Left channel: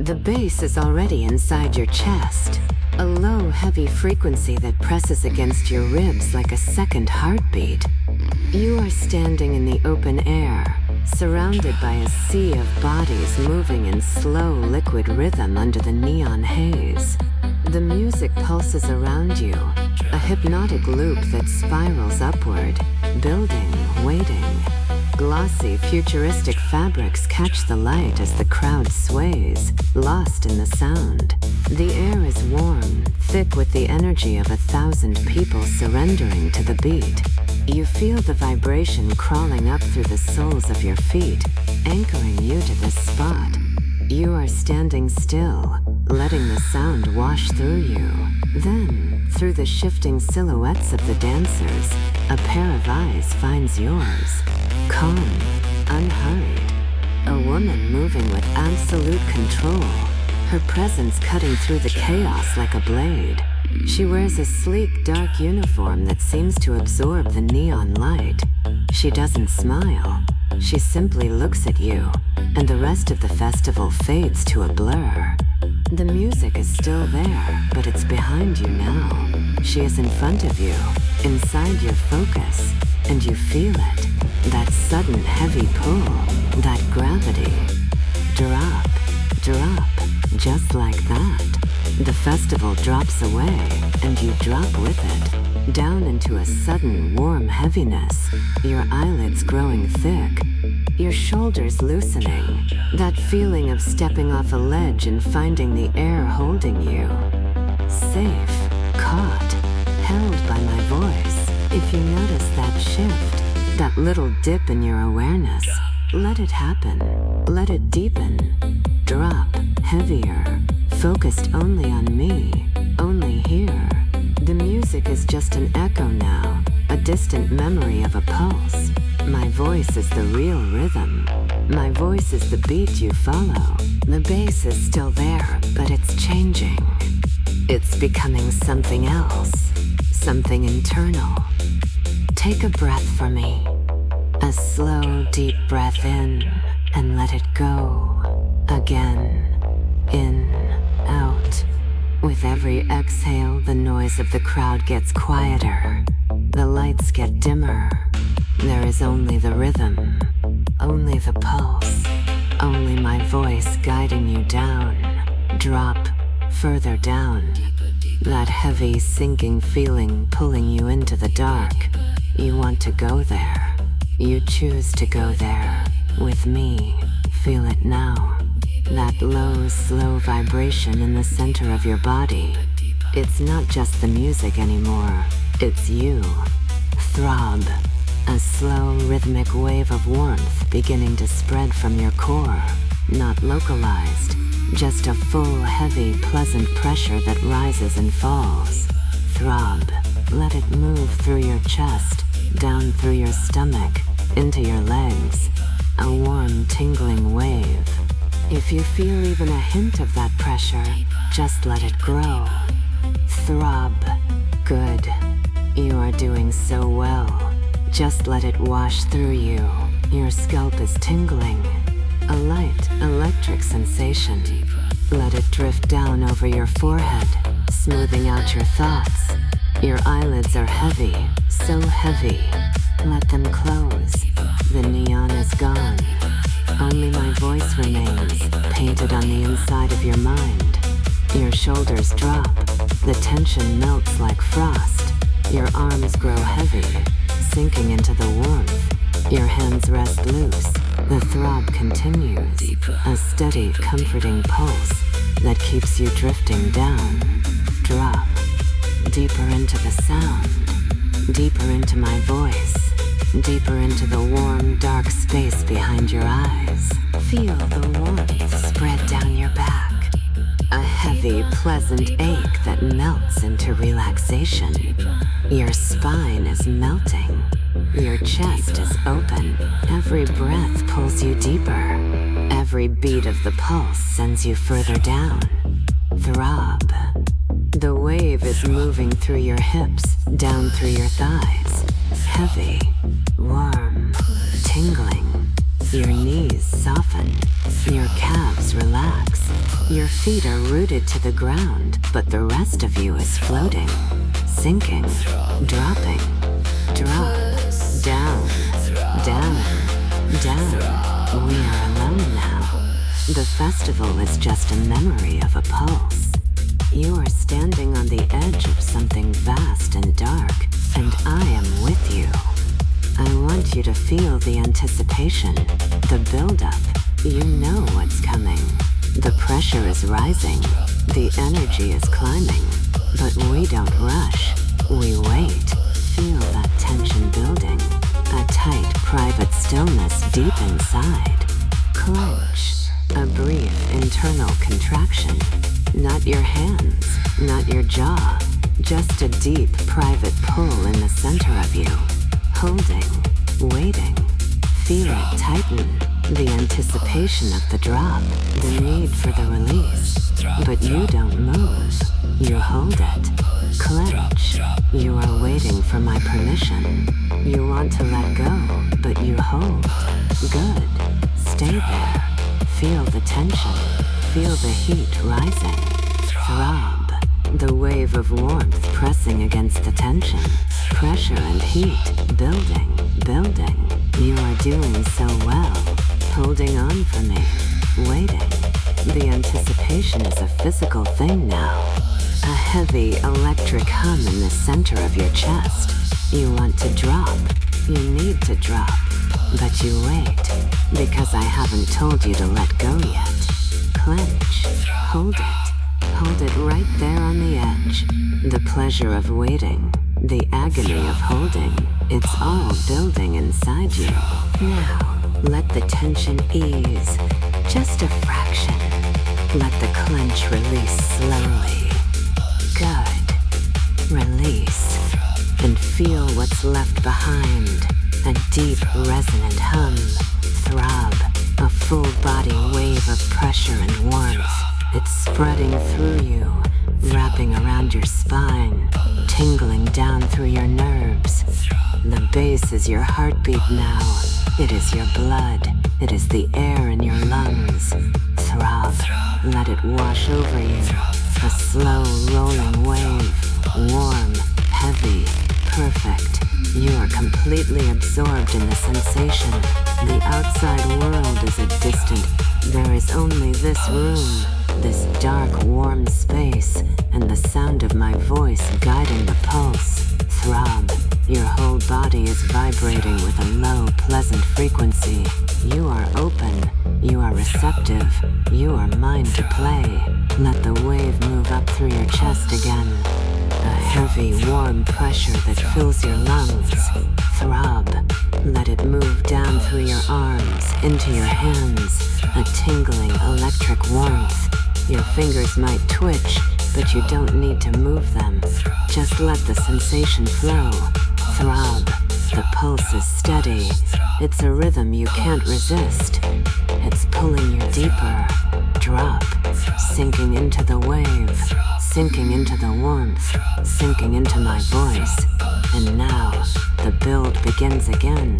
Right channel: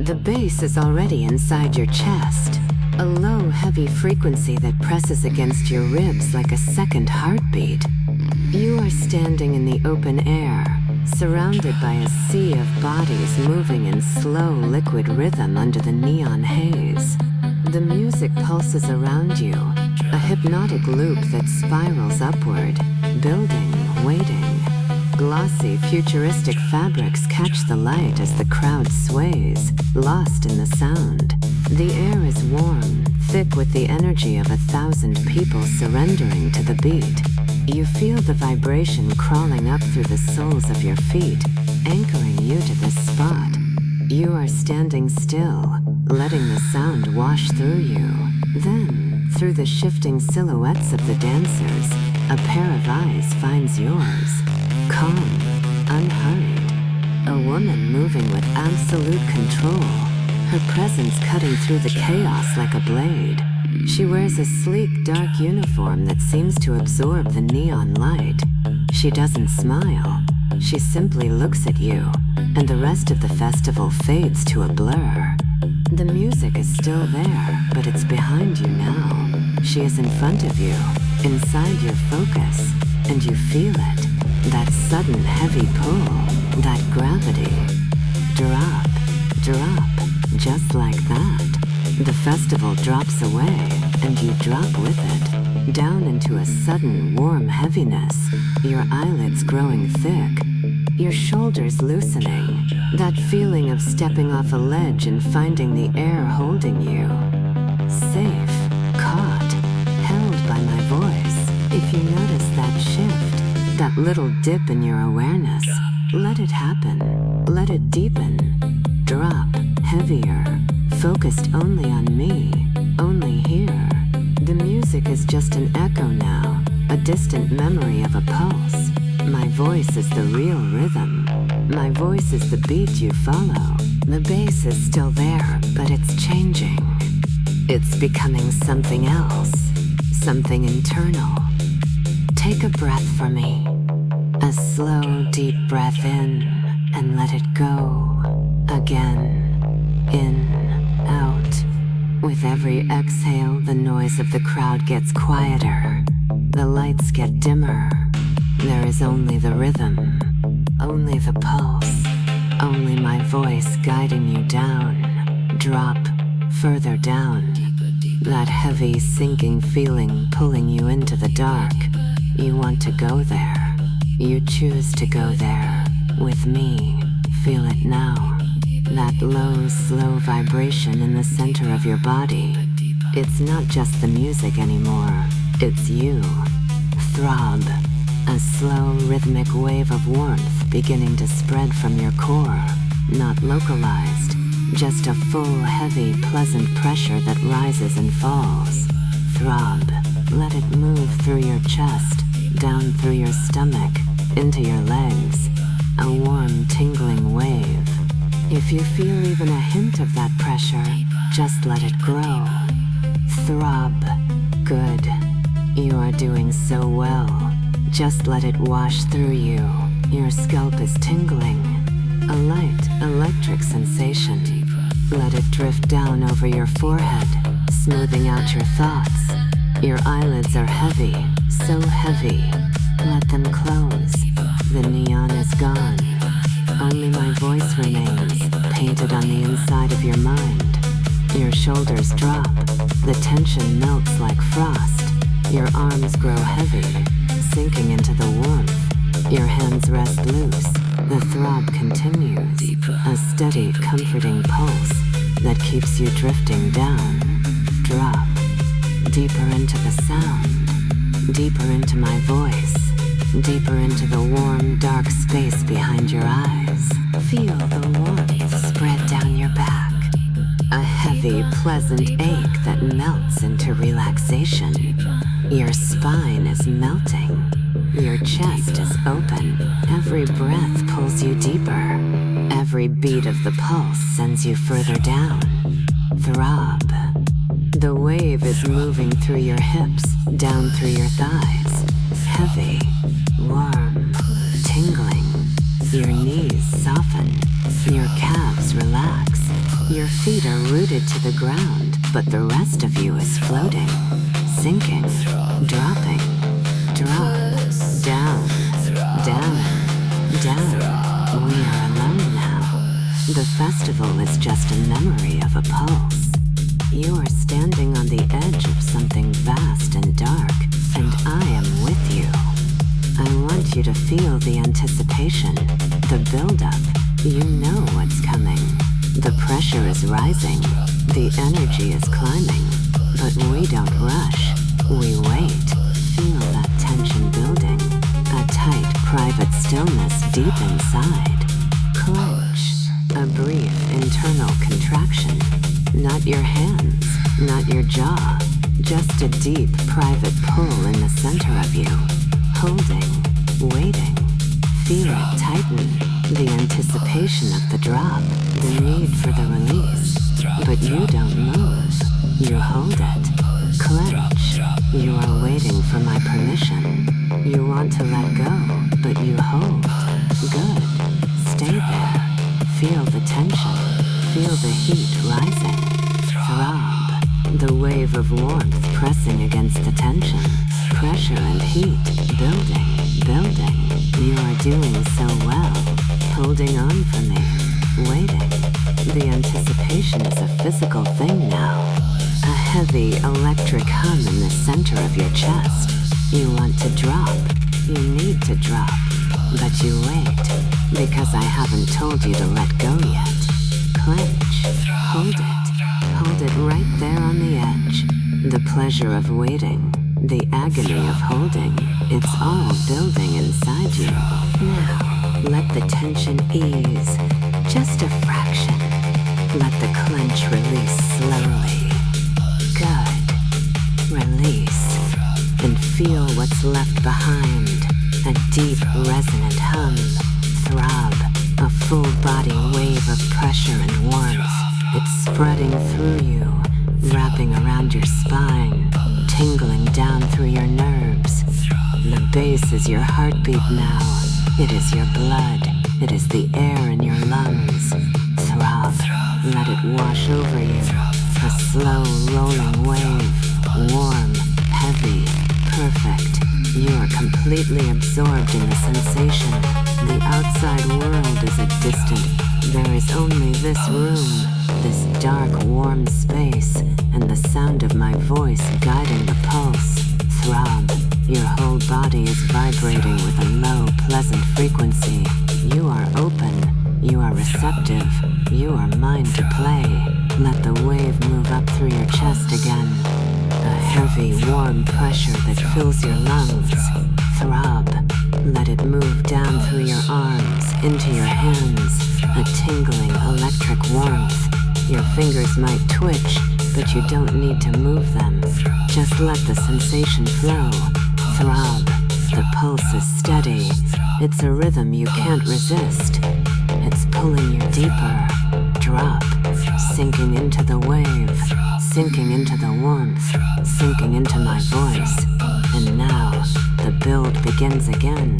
The bass is already inside your chest, a low, heavy frequency that presses against your ribs like a second heartbeat. You are standing in the open air, surrounded by a sea of bodies moving in slow, liquid rhythm under the neon haze. The music pulses around you, a hypnotic loop that spirals upward, building, waiting. Glossy, futuristic fabrics catch the light as the crowd sways, lost in the sound. The air is warm, thick with the energy of 1,000 people surrendering to the beat. You feel the vibration crawling up through the soles of your feet, anchoring you to this spot. You are standing still, letting the sound wash through you. Then, through the shifting silhouettes of the dancers, a pair of eyes finds yours. Calm, unhurried. A woman moving with absolute control, her presence cutting through the chaos like a blade. She wears a sleek, dark uniform that seems to absorb the neon light. She doesn't smile. She simply looks at you, and the rest of the festival fades to a blur. The music is still there, but it's behind you now. She is in front of you, inside your focus, and you feel it. That sudden heavy pull, that gravity. Drop, drop, just like that. The festival drops away, and you drop with it, down into a sudden warm heaviness, your eyelids growing thick, your shoulders loosening, that feeling of stepping off a ledge and finding the air holding you. Safe, caught, held by my voice. If you notice that shift, that little dip in your awareness, let it happen. Let it deepen. Drop, heavier, focused only on me, only here. The music is just an echo now, a distant memory of a pulse. My voice is the real rhythm. My voice is the beat you follow. The bass is still there, but it's changing. It's becoming something else, something internal. Take a breath for me. A slow, deep breath in, and let it go. Again. In, out. With every exhale, the noise of the crowd gets quieter. The lights get dimmer. There is only the rhythm, only the pulse, only my voice guiding you down. Drop, further down. That heavy, sinking feeling pulling you into the dark. You want to go there. You choose to go there. With me. Feel it now. That low, slow vibration in the center of your body. It's not just the music anymore. It's you. Throb. A slow, rhythmic wave of warmth beginning to spread from your core. Not localized. Just a full, heavy, pleasant pressure that rises and falls. Throb. Let it move through your chest, down through your stomach, into your legs. A warm, tingling wave. If you feel even a hint of that pressure, just let it grow. Throb. Good. You are doing so well. Just let it wash through you. Your scalp is tingling. A light, electric sensation. Let it drift down over your forehead, smoothing out your thoughts. Your eyelids are heavy, so heavy. Let them close. The neon is gone. Only my voice remains, painted on the inside of your mind. Your shoulders drop. The tension melts like frost. Your arms grow heavy, sinking into the warmth. Your hands rest loose. The throb continues. A steady, comforting pulse that keeps you drifting down. Drop. Deeper into the sound. Deeper into my voice. Deeper into the warm, dark space behind your eyes. Feel the warmth spread down your back. A heavy, pleasant ache that melts into relaxation. Your spine is melting. Your chest is open. Every breath pulls you deeper. Every beat of the pulse sends you further down. Throb. The wave is moving through your hips, down through your thighs. Heavy, warm, tingling. Your knees soften. Your calves relax. Your feet are rooted to the ground, but the rest of you is floating, sinking, dropping, drop, down, down, down. We are alone now. The festival is just a memory of a pulse. You are standing on the edge of something vast and dark, and I am with you. I want you to feel the anticipation, the build-up. You know what's coming. The pressure is rising. The energy is climbing. But we don't rush. We wait. Feel that tension building. A tight, private stillness deep inside. Clench. A brief internal contraction. Not your hands, not your jaw. Just a deep, private pull in the center of you. Holding, waiting, feel it tighten, the anticipation of the drop, the need for the release. But you don't move, you hold it, clench. You are waiting for my permission. You want to let go, but you hold. Good, stay there. Feel the tension, feel the heat rising. Throb, the wave of warmth pressing against the tension. Pressure and heat, building, building. You are doing so well, holding on for me, waiting. The anticipation is a physical thing now. A heavy electric hum in the center of your chest. You want to drop, you need to drop, but you wait, because I haven't told you to let go yet. Clench, hold it right there on the edge. The pleasure of waiting. The agony of holding, it's all building inside you. Now, let the tension ease, just a fraction. Let the clench release slowly. Good. Release. And feel what's left behind. A deep, resonant hum. Throb. A full body wave of pressure and warmth. It's spreading through you, wrapping around your spine. Tingling down through your nerves. The bass is your heartbeat now. It is your blood. It is the air in your lungs. Throb. Let it wash over you. A slow, rolling wave. Warm, heavy, perfect. You are completely absorbed in the sensation. The outside world is a distant. There is only this room. This dark, warm space, and the sound of my voice guiding the pulse. Throb. Your whole body is vibrating with a low, pleasant frequency. You are open. You are receptive. You are mine to play. Let the wave move up through your chest again. A heavy, warm pressure that fills your lungs. Throb. Let it move down through your arms, into your hands. A tingling, electric warmth. Your fingers might twitch, but you don't need to move them. Just let the sensation flow. Throb. The pulse is steady. It's a rhythm you can't resist. It's pulling you deeper. Drop. Sinking into the wave. Sinking into the warmth. Sinking into my voice. And now, the build begins again.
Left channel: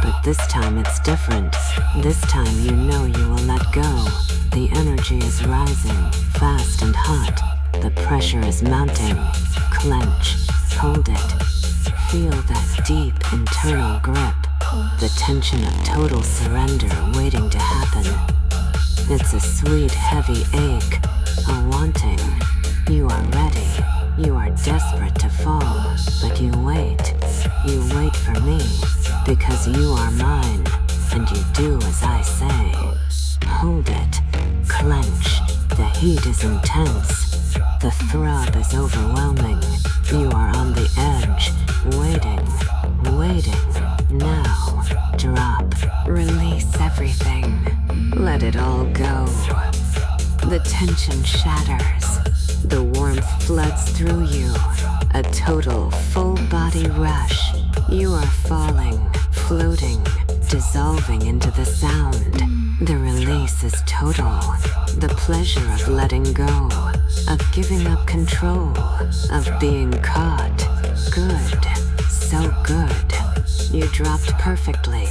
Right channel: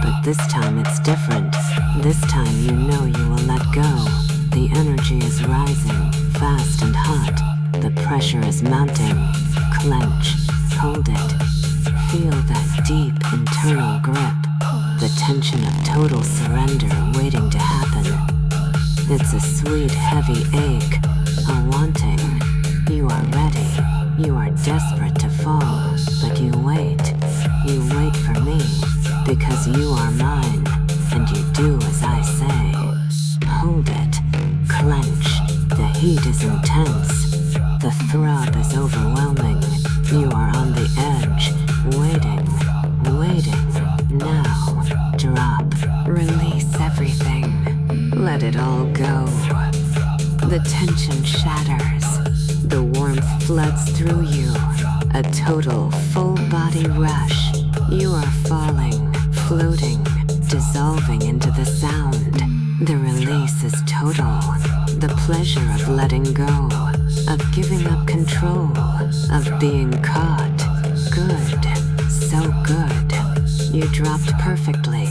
But this time it's different. This time you know you will let go. The energy is rising, fast and hot. The pressure is mounting. Clench. Hold it. Feel that deep internal grip. The tension of total surrender waiting to happen. It's a sweet, heavy ache. A wanting. You are ready. You are desperate to fall. But you wait. You wait for me. Because you are mine. And you do as I say. Hold it. Clench. The heat is intense. The throb is overwhelming. You are on the edge. Waiting. Waiting. Now. Drop. Release everything. Let it all go. The tension shatters. The warmth floods through you. A total, full-body rush. You are falling, floating, dissolving into the sound. The release is total. The pleasure of letting go, of giving up control, of being caught. Good, so good. You dropped perfectly.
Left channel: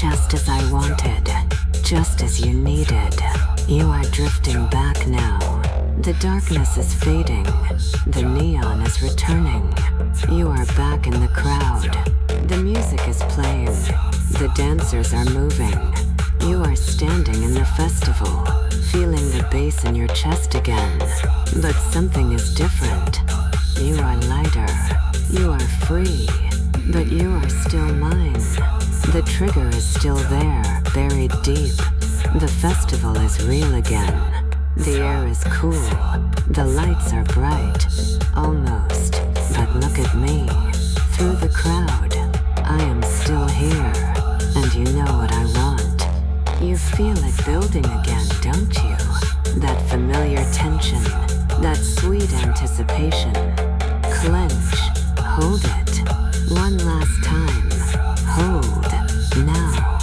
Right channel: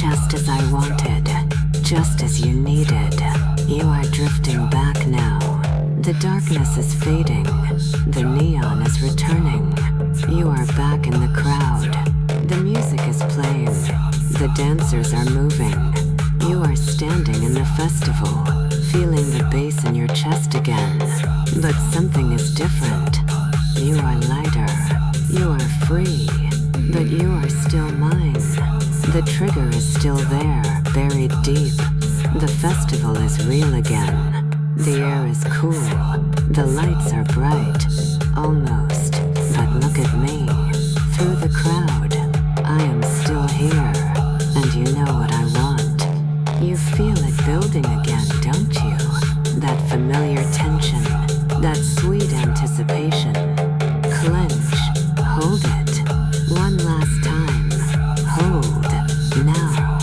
just as I wanted, just as you needed. You are drifting back now. The darkness is fading. The neon is returning. You are back in the crowd. The music is playing. The dancers are moving. You are standing in the festival, feeling the bass in your chest again. But something is different. You are lighter. You are free. But you are still mine. The trigger is still there, buried deep. The festival is real again. The air is cool. The lights are bright. Almost. But look at me. Through the crowd, I am still here. And you know what I want. You feel it building again, don't you? That familiar tension. That sweet anticipation. Clench. Hold it. One last time. Hold. Now.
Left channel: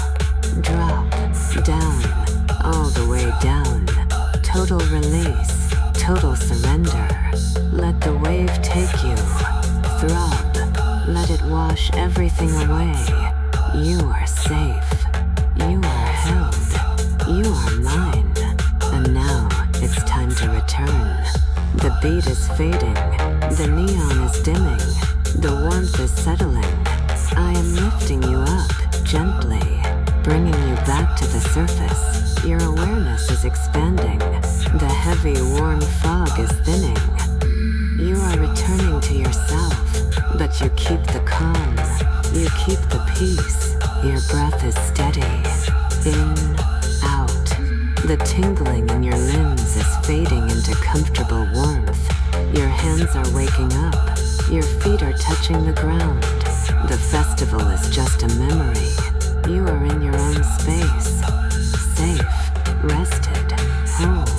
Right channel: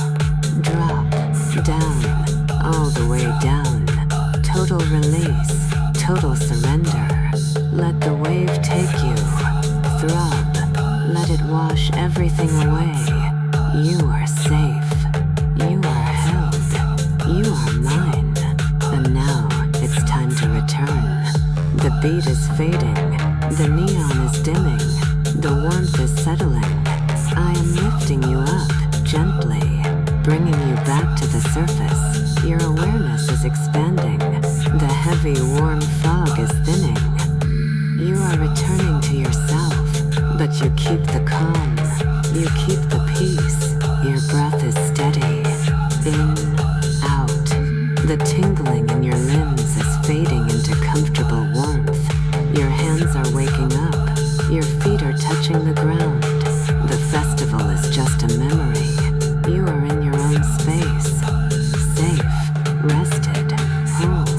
Drop. Down. All the way down. Total release. Total surrender. Let the wave take you. Throb. Let it wash everything away. You are safe. You are held. You are mine. And now it's time to return. The beat is fading. The neon is dimming. The warmth is settling. I am lifting you up, gently, bringing you back to the surface. Your awareness is expanding. The heavy, warm fog is thinning. You are returning to yourself, but you keep the calm. You keep the peace. Your breath is steady. In, out. The tingling in your limbs is fading into comfortable warmth. Your hands are waking up. Your feet are touching the ground. The festival is just a memory. You are in your own space. Safe, rested, whole.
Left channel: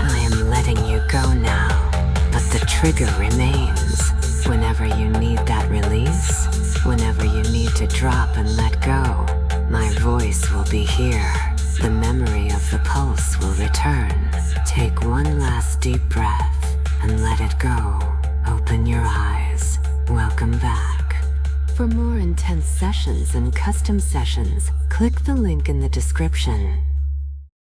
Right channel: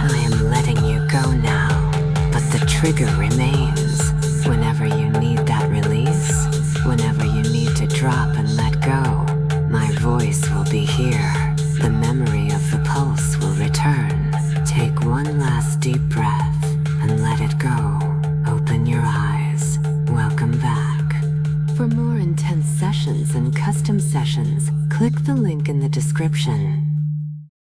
I am letting you go now, but the trigger remains. Whenever you need that release, whenever you need to drop and let go, my voice will be here. The memory of the pulse will return. Take one last deep breath and let it go. Open your eyes. Welcome back. For more intense sessions and custom sessions, click the link in the description.